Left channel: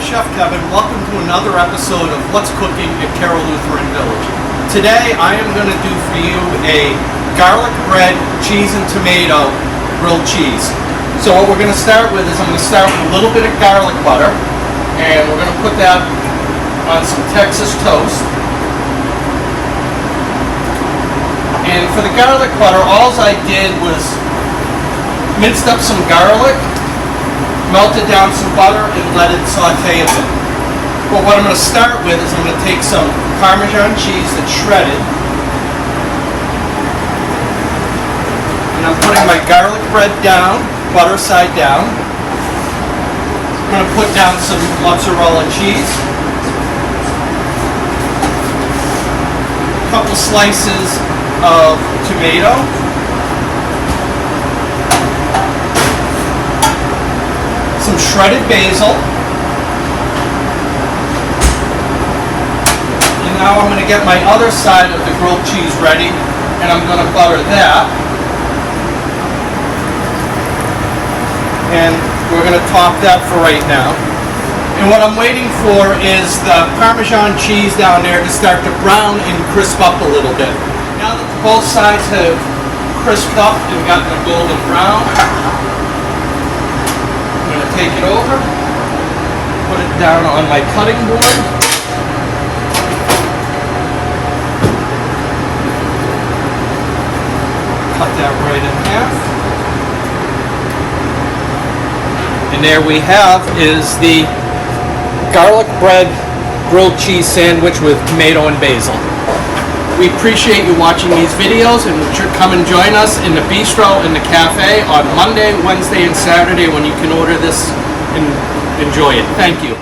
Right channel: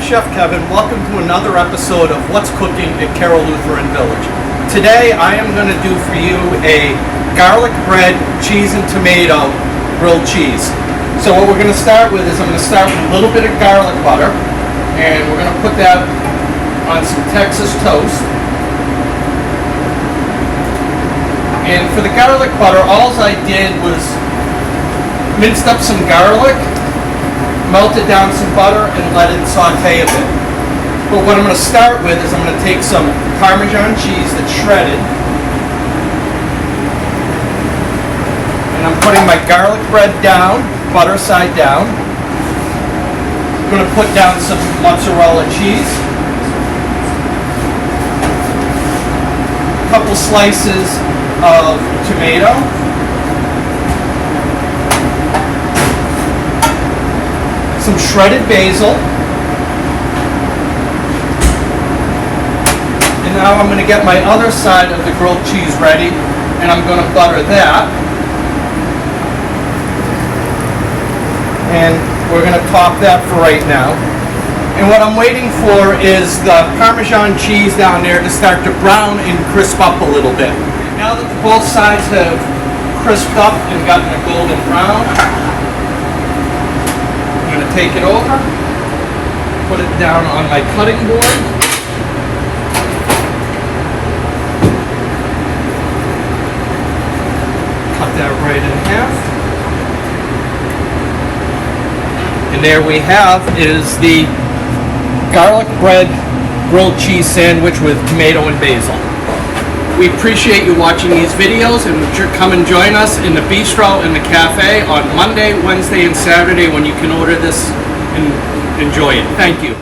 I'm Chef Kevin. Welcome to another episode of What's Cooking at Carroll Lutheran Village. Today I am going to do for you a garlic bread, cheese and tomato grilled cheese. So what we're going to start with is I'm going to start with a little bit of garlic butter, and we're going to put that on some Texas toast. And for the garlic butter, all I did was minced up some garlic, melted down some butter, and let it saute a bit. But what I'm going to start with is I'm going to take some Parmesan cheese that's shredded, and I'm putting my garlic bread down, butter side down. I'm going to put down some mozzarella cheese, a couple slices of tomato, some shredded basil, and now I'm going to get my other side of the grilled cheese ready, and I'm going to butter that, and we're going to top that for right now. And what I'm waiting for is the Parmesan cheese down there to start to brown and crisp up a little bit. Now that both sides have crisped up and gotten a golden brown, I'm going to take it over, put it down on my cutting board, cut that right in half, and there we have is the garlic bread grilled cheese sandwich with tomato and basil. We appreciate you watching these videos, and come and join us in the bistro and the cafe on Monday, Wednesday, and Saturday when you can order this and enjoy it. Thank you.